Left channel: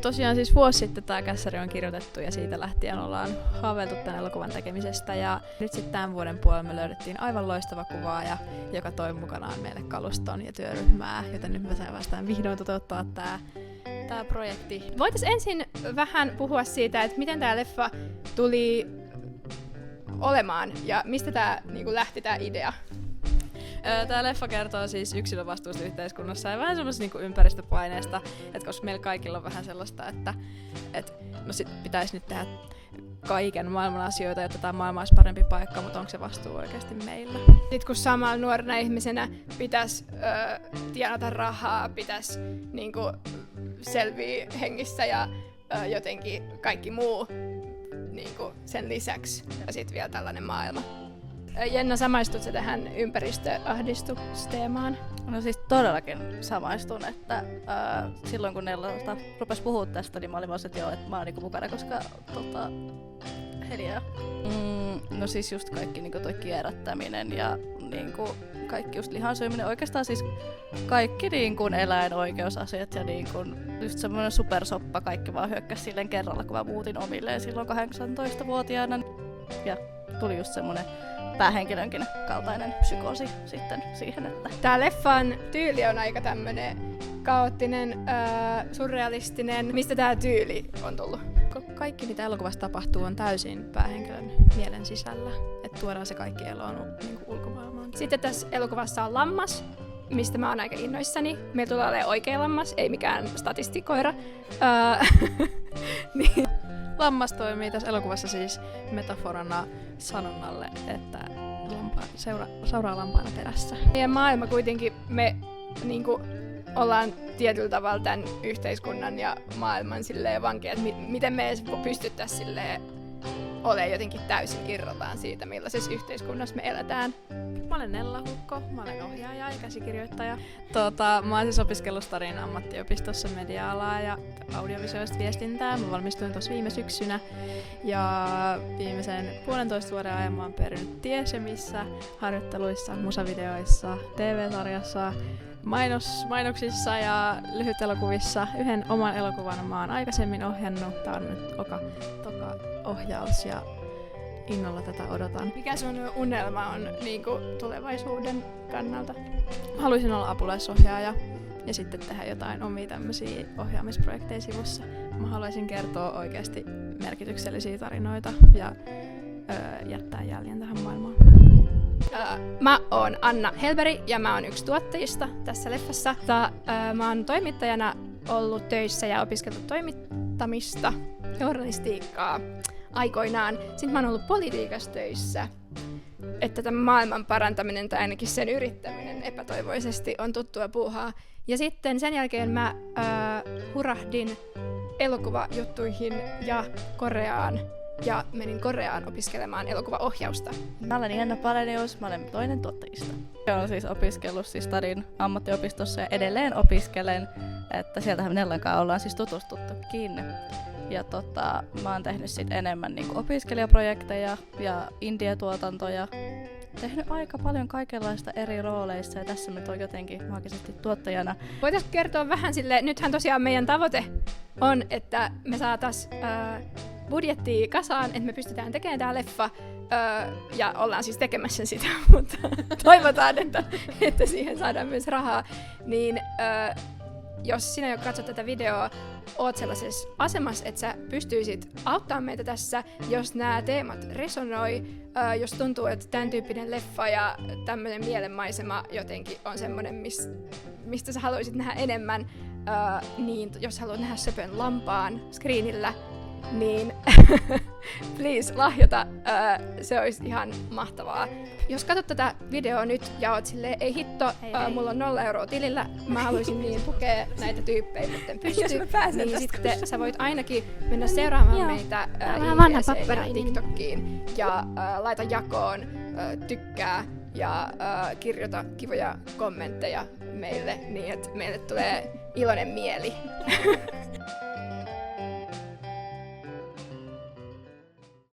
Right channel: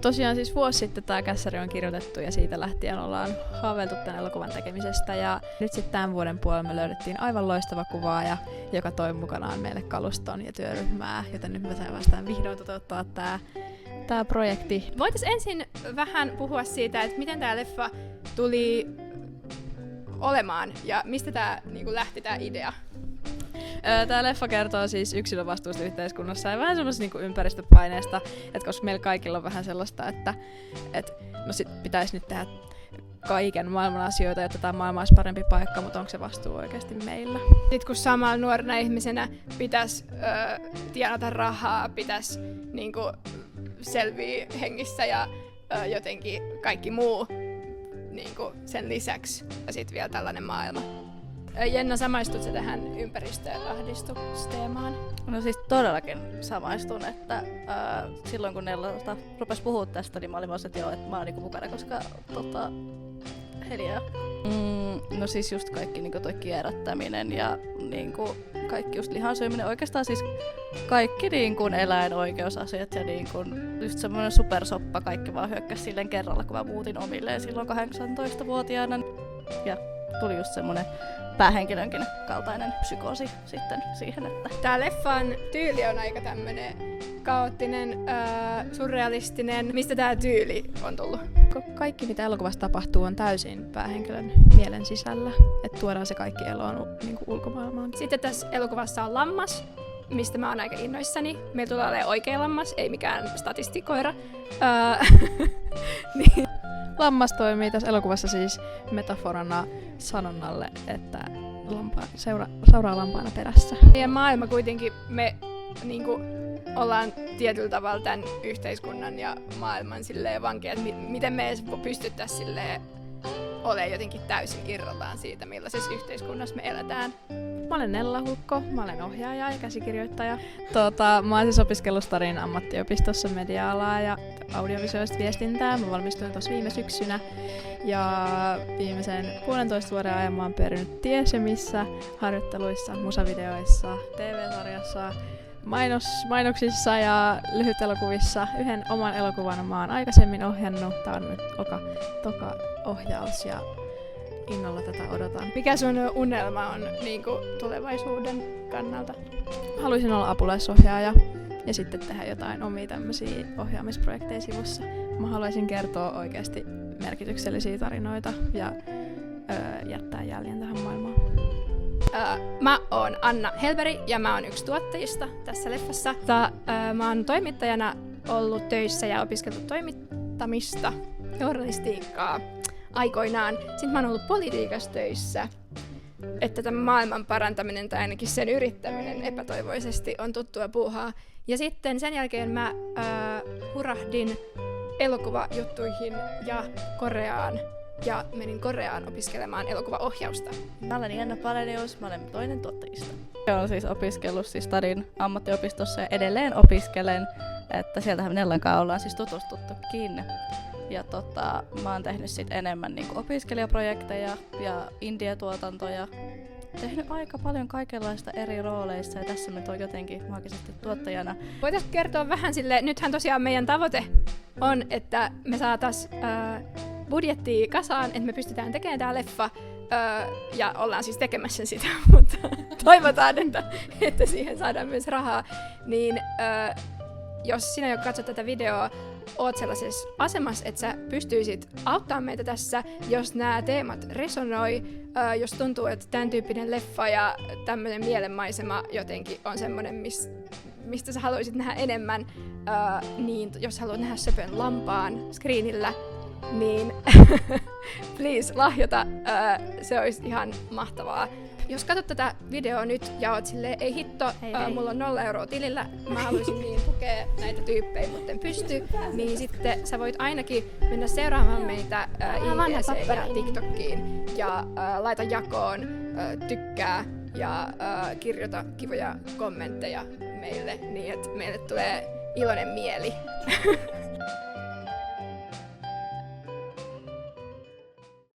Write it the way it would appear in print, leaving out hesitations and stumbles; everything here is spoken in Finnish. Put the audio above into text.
Tosiaan siis vuosi sitten tämä kässäri on kirjoitettu ja siitä lähtien ollaan haaveiltu tämän elokuvan tekemisestä. Ja nyt sitten tämän vuoden puolella me löydettiin aivan loistava kuvaaja, joka toi mukanaan meille kaluston ja työryhmää, joten nyt me saadaan vihdoin toteuttaa tämä projekti. Voitaisiin ensin vähän puhua siitä, että miten tämä leffa tuli olemaan ja mistä tämä lähti tämä idea? Tämä leffa kertoo siis yksilön vastuusta yhteiskunnassa ja vähän semmoisesta niinku ympäristöpaineesta, että koska meillä kaikilla on vähän sellaista, että no sit pitäisi nyt tehdä kaiken maailman asioita, jotta tämä maailma olisi parempi paikka, mutta onko se vastuu oikeasti meillä? Sitten kun samalla nuorena ihmisenä pitäisi tienata rahaa, pitäisi selviä hengissä ja jotenkin kaikki muu sen lisäksi ja sitten vielä tällainen maailma. Jenna, samaistutko tähän ympäristöahdistusteemaan? No siis todellakin samaistun, että silloin kun Nella rupesi puhua tästä, niin mä olin vaan, että joo, että mä oon mukana, koska Helia. No siis just kaikki toi kierrättäminen ja kaikki just lihansyöminen, oikeastaan siis kaikki eläinoikeusasiat ja just semmoinen supersoppa, kaikki vaan hyökkäsi silleen kerralla, kun mä muutin omilleen silloin 18-vuotiaana. Ja tuli just semmoinen päähenkilönkin kaltainen psykoosi sitten siihen, että... Tää leffan tyyli on aika tämmönen kaoottinen, surrealistinen. Mistä tää tyyli on tullut? Kaikki mitä elokuvassa tapahtuu on täysin päähenkilön mielen sisällä, että tuodaan se kaikki eloon ulkomaailmaan. Sitten tässä elokuvassa on lammas, mistä mä oon aika innoissani. Meillä tulee olemaan oikea lammas, ei mikään statistikoira. Niin. Lammas toimii tässä elokuvassa siis metaforana sanonnalle, että seuraa lampaana perässä. Meidän maailma kuitenkin, me ollaan tietyllä tavalla tämän yhteiskunnan ja maailman vankeja, että miten me edes pystyttäisiin olemaan jotenkin täysin irrallaan siitä, millaisessa yhteiskunnassa me eletään. Mä olen Nella Hulkko, mä olen ohjaaja ja käsikirjoittaja. Mä oon siis opiskellut Starin ammattiopistossa media-alaa ja audiovisuaalista viestintää. Mä valmistuin tuossa viime syksynä ja viimeisen 1,5 vuoden ajan mä oon pyörinyt ties missä harjoitteluissa, musavideoissa, TV-sarjassa, mainoksissa ja lyhytelokuvissa. Yhden oman elokuvan mä oon aikaisemmin ohjannut. Tää on nyt toka ohjaus ja innolla tätä odotan. Mikä sun unelma on tulevaisuuden kannalta? Haluaisin olla apulaisohjaaja ja sitten tehdä jotain omia tämmöisiä ohjaamisprojekteja sivussa. Mä haluaisin kertoa oikeasti merkityksellisiä tarinoita ja jättää jäljen tähän maailmaan. Mä oon Anna Helberi ja mä oon yksi tuottajista tässä leffassa. Mä oon toimittajana ollut töissä ja opiskellut toimittamista, journalistiikkaa aikoinaan. Sitten mä oon ollut politiikassa töissä, että tämän maailman parantaminen tai ainakin sen yrittäminen epätoivoisesti on tuttua puuhaa. Ja sitten sen jälkeen mä hurahdin elokuvajuttuihin ja Koreaan ja menin Koreaan opiskelemaan elokuvaohjausta. Mä olen Jenna Palenius, mä olen toinen tuottajista. Olen siis opiskellut Starin ammattiopistossa ja edelleen opiskelen, että sieltähän Nellan kanssa ollaan siis tutustuttukin. Ja mä oon tehnyt sit enemmän opiskelijaprojekteja ja indie-tuotantoja. Tehnyt aika paljon kaikenlaista eri rooleissa ja tässä mä oon jotenkin maagisesti tuottajana. Voitaisiin kertoa vähän silleen, nythän tosiaan meidän tavoite on, että me saatais budjettia kasaan, että me pystytään tekemään tää leffa ja ollaan siis tekemässä sitä, mutta toivotaan, että siihen saadaan myös rahaa. Niin jos sinä, joka katsot tätä videoa, oot sellaisessa asemassa, että sä pystyisit auttamaan meitä tässä, jos nämä teemat resonoi, jos tuntuu, että tämän tyyppinen leffa ja tämmöinen mielenmaisema jotenkin on semmoinen, mistä sä haluaisit nähdä enemmän, niin jos haluat nähdä söpön lampaan screenillä, niin please lahjota, se olisi ihan mahtavaa. Jos katsot tätä videoa nyt ja oot silleen, ei hitto, mulla on 0 euroa tilillä, mä haluaisin niin tukea näitä tyyppejä, mutta en pysty, niin sitten sä voit ainakin mennä seuraamaan meitä IG:seen ja TikTokiin ja laita jakoon, tykkää ja kirjoita kivoja kommentteja meille niin, että meille tulee iloinen mieli.